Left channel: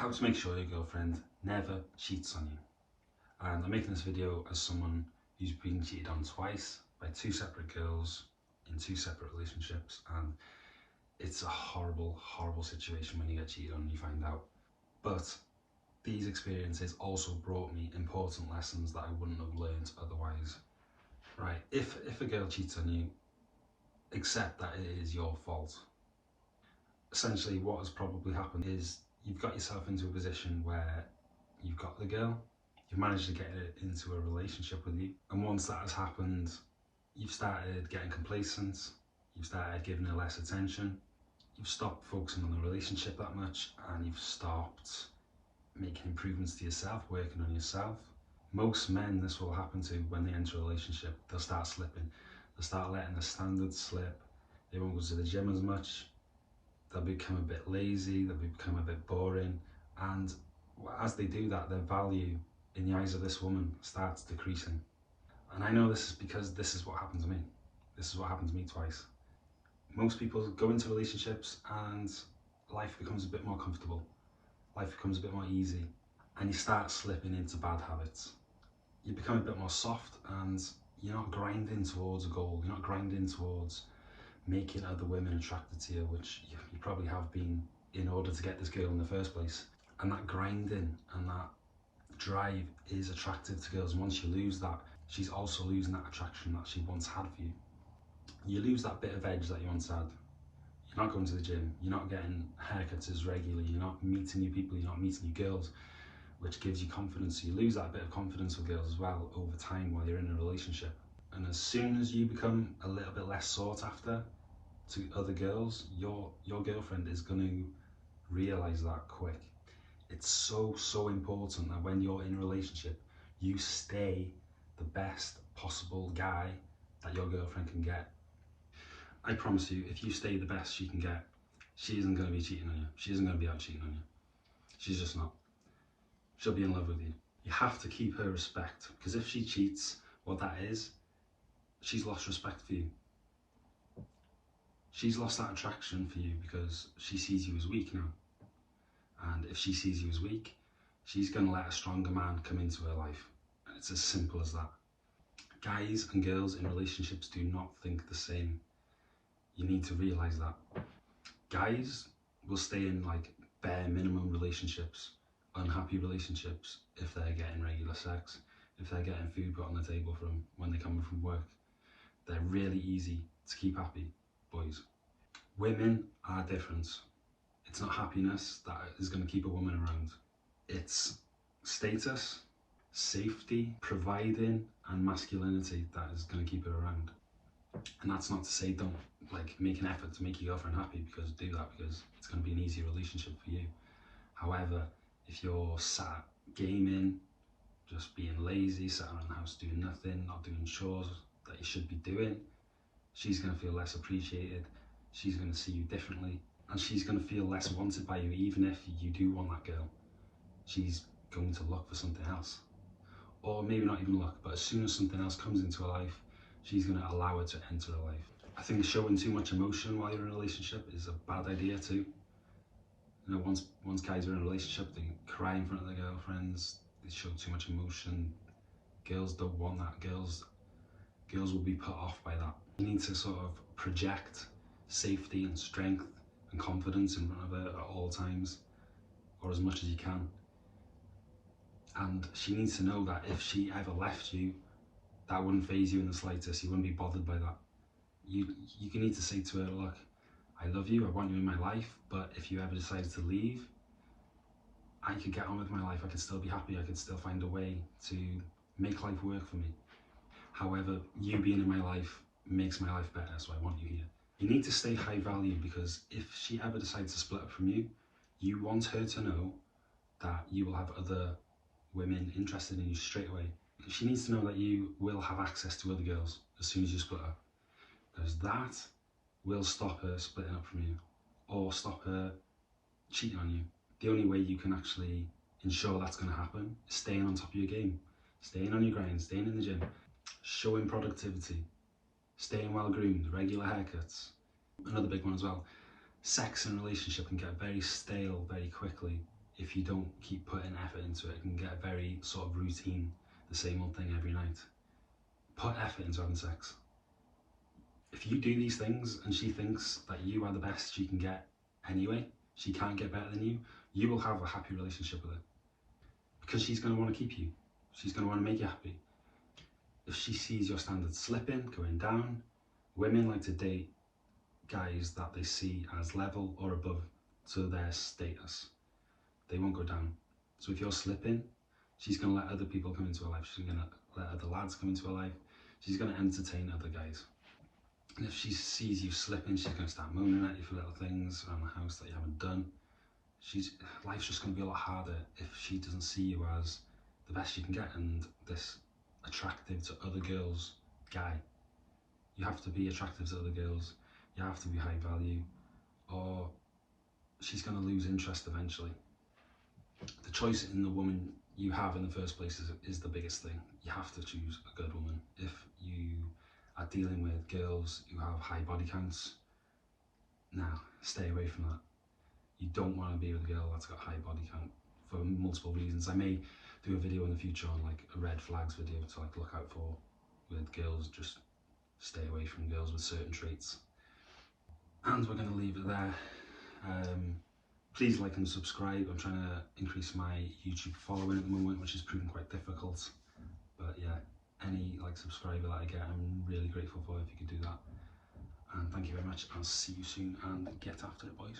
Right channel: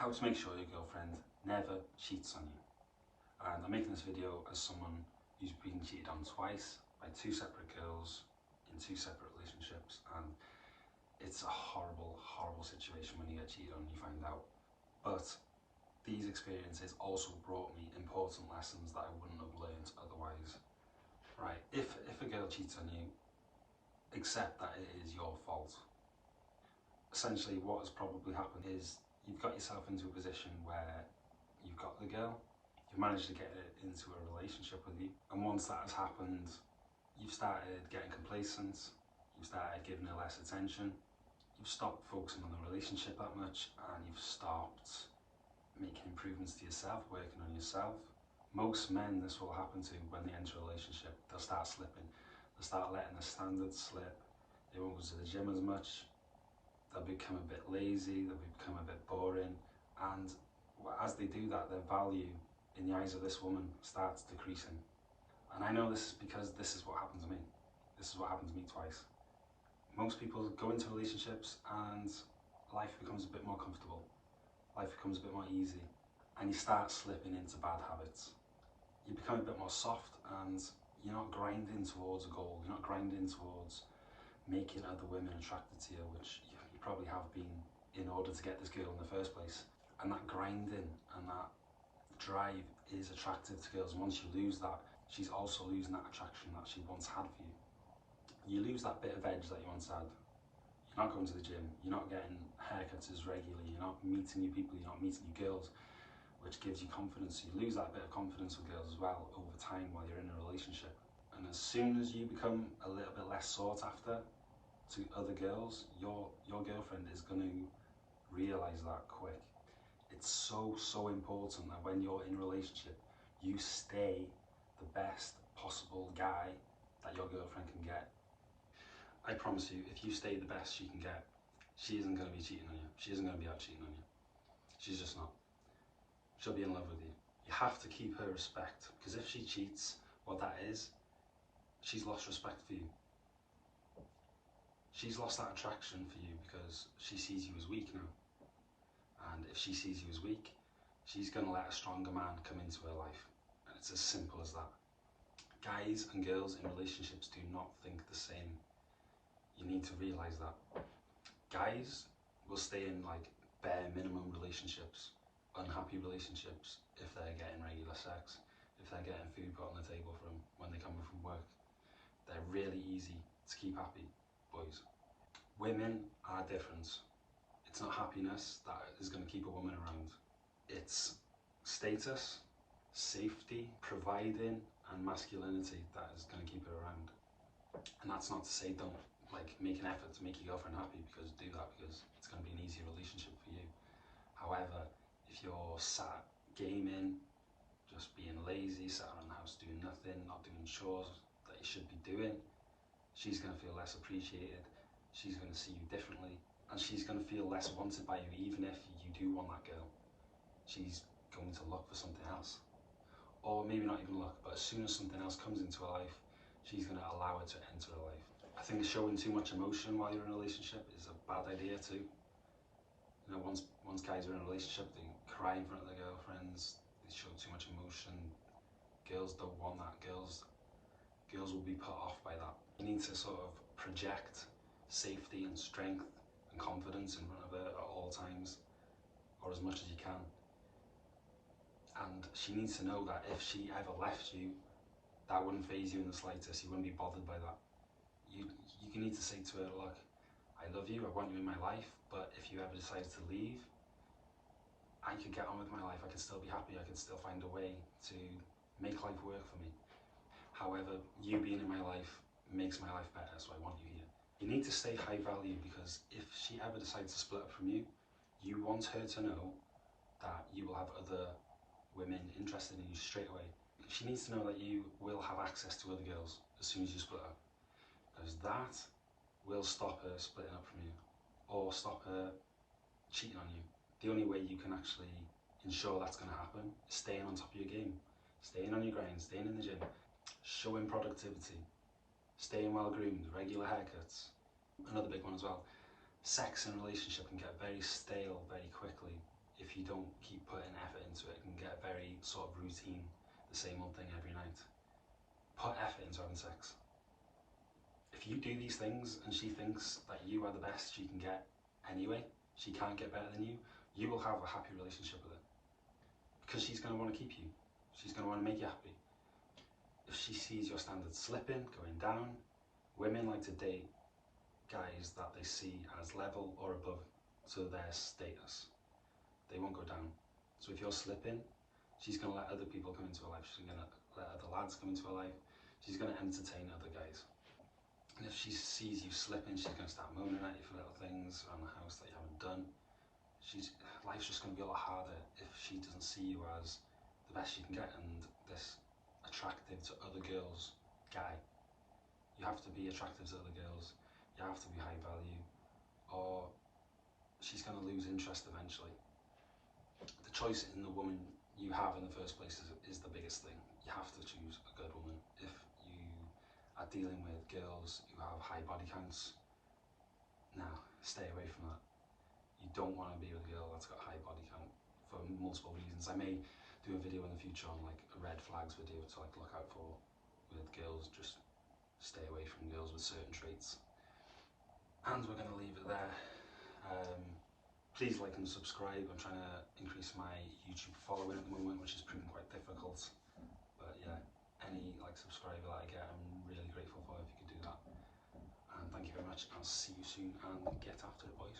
how to make sure your girlfriend never cheats on you. And I'm making this video as someone who's been cheated on twice by two separate girls in two separate relationships, and it's a horrible, horrible situation when you get cheated on and you find out. But these experiences also brought me important lessons that I wouldn't have learned otherwise. Right, if a girl cheats on you, accept that it is your fault. Essentially, what has probably happened is you've got yourself into a position where you've got the girl, you've managed to get her into a relationship with you, and once that has happened, you've started getting complacent, you've started giving her less attention, you've stopped focusing on the relationship that much, and you've stopped making improvements to yourself, working on yourself. Most men, this will happen to when they enter a relationship. They'll start slipping, they'll start letting the standards slip, they won't go to the gym as much, they'll become a bit lazy, they'll become a bit boring, and as they do that, their value in the eyes of this woman starts decreasing. And I know this is because this is what happened to me. This is what happened to me twice. Most people go into relationships and life becomes a bit more comfortable, life becomes a bit more easy, and you start slipping into bad habits. You become a bit more soft and you're not grinding towards a goal, you're not grinding towards making other women attracted to you, which you probably have been in order to get this girl in the first place. And that grinding and that drive is attractive to girls. Once you lose that, she's also losing that attraction that she once had for you. You lose that bit of edge that you once had. You're not going to the gym, you're not getting haircuts as regularly, you're not meeting new people, you're not meeting new girls, which gives you confidence. You lose that bit of confidence with girls as well over time while you're in a relationship. And as soon as you become a little bit less sought after to other girls, your girlfriend is going to realise that quick. It's so important that when you're in a relationship, you stay the best possible guy that your girlfriend can get. I promise you, if you stay the best she can get, she isn't going to be cheating on you. She isn't going to be out cheating on you. She's just not. She'll be in love with you. You have to keep her respect, because if she cheats, what that is, she's lost respect for you. She's lost that attraction for you because she sees you as weak now. And if she sees you as weak, she's going to let a stronger man come into her life. And it's as simple as that. Guys and girls in relationships do not think the same. You need to realise that. Guys will stay in like bare minimum relationships, unhappy relationships, if they're getting regular sex, if they're getting food put on the table for them when they come from work. They're really easy to keep happy, boys. Women are different. It's not happiness that is going to keep a woman around. It's status, safety, providing, and masculinity that is going to keep her around. And that's not to say don't make an effort to make your girlfriend happy, because do that, because it's going to be an easier relationship for you. However, if you're sat gaming, just being lazy, sat around the house doing nothing, not doing chores that you should be doing, she's going to feel less appreciated, she's going to see you differently, and she's going to feel less wanted by you. Even if you do want that girl, she's going to look for something else. Or maybe not even look, but as soon as something else comes into her life, she's going to allow it to enter her life. I think showing too much emotion while you're in a relationship is a bad idea too. You know, once guys are in a relationship, they cry in front of their girlfriends, they show too much emotion. Girls don't want that. Girls will be put off by that. You need to sort of project safety and strength and confidence in front of her at all times, or as much as you can. And she needs to know that if she ever left you, that wouldn't faze you in the slightest. You wouldn't be bothered by that. You need to say to her, look, I love you, I want you in my life, but if you ever decided to leave, I could get on with my life, I could still be happy, I could still find a way to make life work for me. However, you being in my life makes my life better, so I want you here. You need to stay high value, because if she ever decides to split up from you, you want her to know that you will have other women interested in you straight away. She needs to know that you will have access to other girls as soon as you split up, because that will stop her splitting up from you, or stop her cheating on you. The only way you can actually ensure that's going to happen is staying on top of your game, staying on your grind, staying in the gym, showing productivity, staying well groomed, regular haircuts. Another big one as well, sex in a relationship can get very stale very quickly if you don't keep putting effort into it, it can get very sort of routine, the same old thing every night. Put effort into having sex. If you do these things and she thinks that you are the best she can get anyway, she can't get better than you, you will have a happy relationship with her. Because she's going to want to keep you. She's going to want to make you happy. If she sees your standards slipping, going down, women like to date guys that they see as level or above to their status. They won't go down. So if you're slipping, she's going to let other people come into her life. She's going to let other lads come into her life. She's going to entertain other guys. And if she sees you slipping, she's going to start mooning at you for little things around the house that you haven't done. Life's just going to be a lot harder if she doesn't see you as the best you can get and this attractive to other girls guy. You have to be attractive to other girls. You have to be high value, or she's going to lose interest eventually. The choice in the woman you have in the first place is the biggest thing. You have to choose a good woman. If you are dealing with girls who have high body counts, now stay away from that. You don't want to be with a girl that's got a high body count for multiple reasons. I may do a video in the future on like a red flags video to like look out for with girls. Just stay away from girls with certain traits. And we're going to leave it there. Please like and subscribe. I'm trying to increase my YouTube following at the moment, which is proving quite difficult. But yeah, any like subscriber that I get, I'm really grateful for if you could do that. And thank you very much. I'll see you soon and get after it, boys.